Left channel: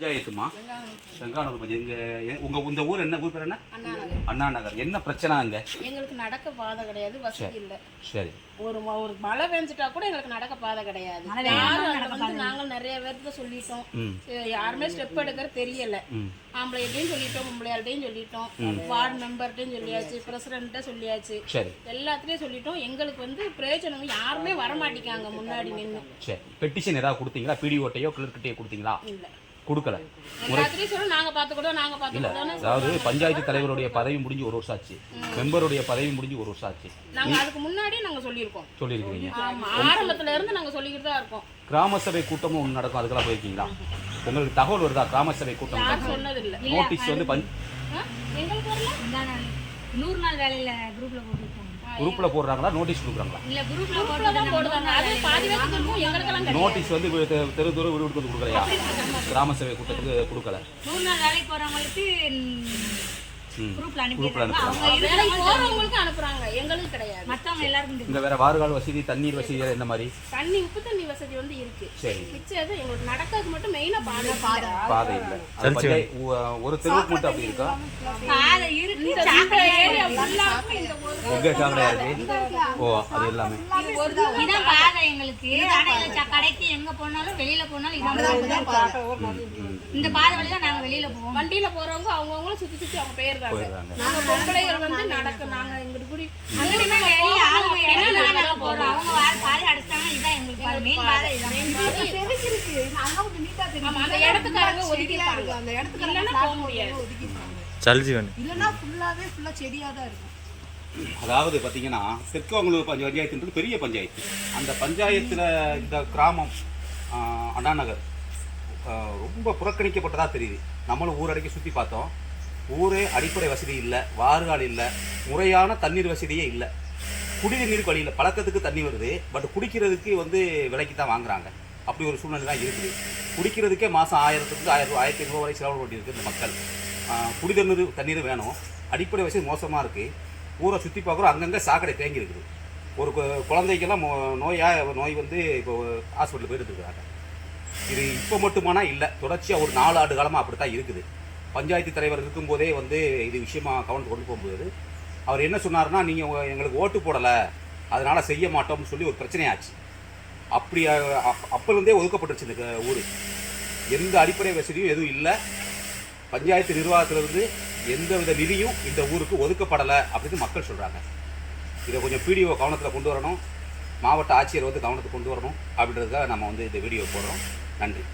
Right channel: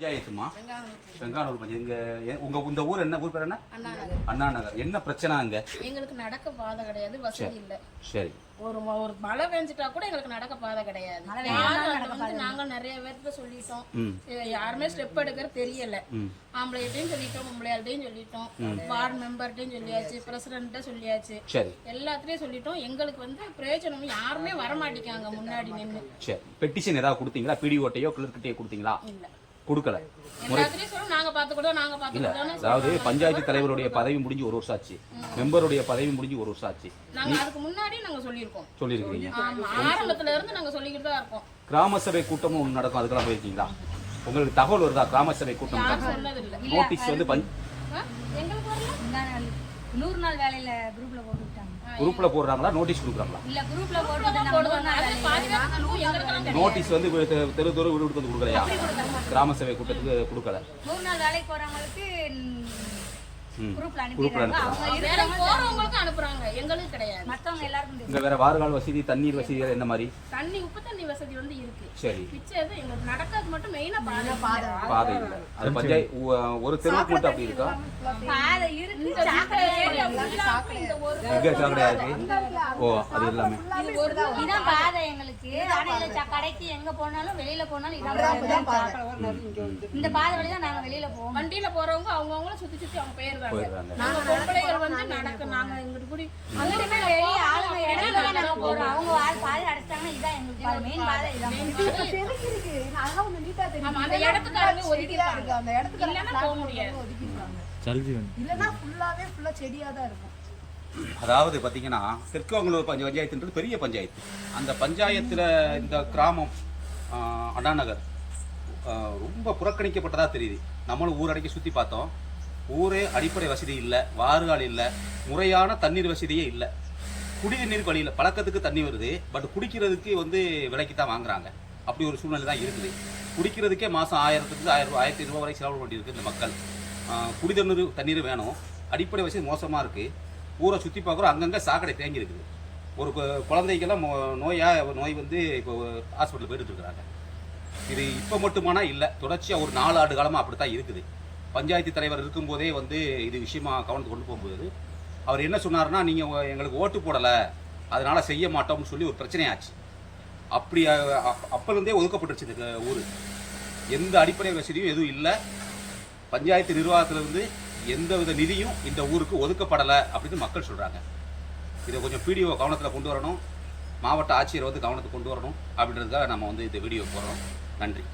பஞ்சாயத்துமா? வெங்கானூர் பஞ்சாயத்து. இங்க எ- உங்க இந்த ஊர் என்ன? ஊர் பேர் என்ன? அண்ணா நகர் என்ன பிரச்சனை அங்க? எங்களுக்கு நடக்க பாதை கிடையாது வசதி இல்ல. சரி. ஒரு ஒரு மழை பெஞ்சிட்டா கூட எங்களுக்கு நடக்க பாதை கிடையாது. வந்து நாங்க நிறைய பேர்கிட்ட சொல்லிட்டோம். யாருமே ஸ்டெப் எடுக்கிறது தெரியல. ஆம்பளைகிட்டையும் சொல்லிட்டோம் பொம்பளையாள்கிட்டையும் சொல்லிட்டோம். வார்டு மெம்பர்கிட்டையும் சொல்லியாச்சு பிரசிடண்ட்டை சொல்லியாச்சு. எல்லாத்துலயும் சொல்லிட்டோம். எங்களுக்கு வந்து பிரயோஜனம் யாருமே வரமாட்டிக்காங்க முன்னாடி நின்று சரி. பெட்டிஷன் ஏதாவது கொடுத்தீங்களா? பிடிஓட்டையோ கிளர்கிட்டையோ கொடுத்தீங்களா? இல்ல. கொடுக்கல. பாத்துக்கிட்டோம்னு அதாவது பஞ்சாயத்து தலைவருடைய பதவி முடிஞ்சு ஒரு வருஷம் ஆச்சு மெம்பருடைய பதவி முடிஞ்சு ஒரு வருஷம் ஆச்சு நாங்க அதுக்கு முன்னாடி நாங்க சொல்லியிருக்கோம். ஆரம்பத்துல இருந்து நாங்க சொல்லிக்கிட்டு தான் இருக்கோம். கிராம சபை கூட்டமும் ஒன்று நடக்கும் அதுக்கெல்லாம் போயிருக்கீங்களா? உங்களுக்கு தகவல் வருதா? கிராம சபை கூட்டம் இல்ல நோட்டீஸ் வந்து நூறு நாள் வேலையில குரூப்ல போட்டுருக்காங்க குரூப்ல போடுறாங்களா? நோட்டீஸ் கொடுக்குறாங்களா? இல்ல குரூப்ல குரூப்ல தான் போடுவாங்க அது எங்களுக்கெல்லாம் கிடையாது. நோட்டீஸ் வந்து தெரு தெரு தெரு வீடு வீடு கொடுக்கலையா? கிராம சபை கூட்டத்துக்கு கொடுக்கல. நாள் வேலைக்கு போறவங்களுக்கு ம் குரூப்ல அனுப்பிடுறாங்க. அவங்க வேலைக்கு போறவங்களுக்கு அனுப்புறாங்க. எங்களுக்கு கிடையாது. மத்தவங்க எல்லாருக்கும் தெரியும். இங்க வேற வாறுகால் வசதி தண்ணீர் வசதி எந்த மாதிரி? தண்ணி உப்பு தண்ணி வசதி வந்து இருக்கு. சரி. எங்களுக்கு நடக்கிறது மட்டும் மெயினா பாதை. பாதை. ஒரு அப்படி பாதை இருக்கு. ஓ அது எல்லாமே. இதான் பாதை எங்களுக்கு. ஆனா கடைக்கு எங்க போனாலும் வெளியில போனாலும் இதான் பாதை. இந்த பாதை வழியா நாங்க வெளியில போவோம். வண்டியில போறவங்க அவங்கவுங்கள சுத்தி சுத்தி அவங்க போயிடுறாங்க நாங்க பொம்பளைகள் வந்து நடக்க நாங்க நாங்க போறோம். அவங்க பாதை அடைச்சிட்டாங்கன்னா இதான் எங்களுக்கு பாதை. மெயின் பாதை இதான் ஆமா அந்த இடத்துக்காரங்க ஒதுக்கிட்டாங்க அந்த இடத்துக்கு இல்லைன்னா போக முடியாது. இல்லைன்னா ஃபுல்லாவே ஃபுல்லா செடியா தான் இருக்கும். அதாவது பார்த்தீங்கன்னா தெற்குவங்களூர் பஞ்ச பஞ்சாயத்துன்றது பெரிய பஞ்சாயத்து. அந்த பஞ்சாயத்தில் இந்த கிராமம் ஆஹ், அண்ணா நகர் ஆஹ், ரொம்ப புறக்கணிக்கப்பட்டதா தெரியுது. நம்மளும் ஊரடக்கி சுற்றி பார்த்தோம். ஊரே அடிப்படை வசதி இல்லை வாறுகால் இல்லை முறையான தண்ணீர் வசதியே இல்லை. குடிநீர் வழியில் பழக்கத்துக்கு தண்ணி வருது பட் குடிக்கிறதுக்கு வந்து விலைக்கு தான் வாங்குறாங்க. அப்படி ஒரு சூழ்நிலை தான் இருக்குது. குடிக்கிறதுக்கே மாதம் ஆயிரத்துக்கு ஆயிரம் ரூபாய் ஆயிரத்தி ஐநூறு வரை செலவு பண்ணியிருக்கு இந்த மக்கள். குடிதண்ணீர் தண்ணீர் வேணும். அடிப்படை வசதி மோசமாக இருக்குது ஊரை சுற்றி பார்க்குறோம் அங்கங்கே சாக்கடை தேங்கி இருக்குது ஒரு கு- குழந்தைக்கெல்லாம் மோ- நோய் வந்து இப்போ ஹாஸ்பிட்டல் போயிட்டு இருக்கிறாங்க இது இப்போ மட்டுமானா இல்லை தொடர்ச்சியாக ஒரு நாலு ஆண்டு காலமாக அப்படி தான் இருக்குது. பஞ்சாயத்து தலைவர் இருக்கும்போதே வந்து இது விஷயமா கவனத்துக்கு கொண்டு போகும்போது அவர் என்ன சொன்னார்னா நீங்கள் எங்களுக்கு ஓட்டு போடலை அதனால் செய்ய மாட்டோம்னு சொல்லி ஒரு பிரச்சனையாச்சு. அப்படி அப்போலேருந்தே ஒதுக்கப்பட்டுருச்சு இந்த ஊர். எந்த அடிப்படை வசதியும் எதுவும் இல்லை. பஞ்சாயத்து நிர்வாகத்திலிருந்து எந்த வித நிதியும் இந்த ஊருக்கு ஒதுக்கப்படலை அப்படின்னு மக்கள் சொல்கிறாங்க இதை கொஞ்சம் பிடிஓ கவனத்தில் கொண்டு வரணும். மாவட்ட ஆட்சியர் வந்து கவனத்துக்கு கொண்டு வரணும் அப்படின்றதுக்காக நம்ம வந்து இந்த வீடியோ போடுறோம். நன்றி.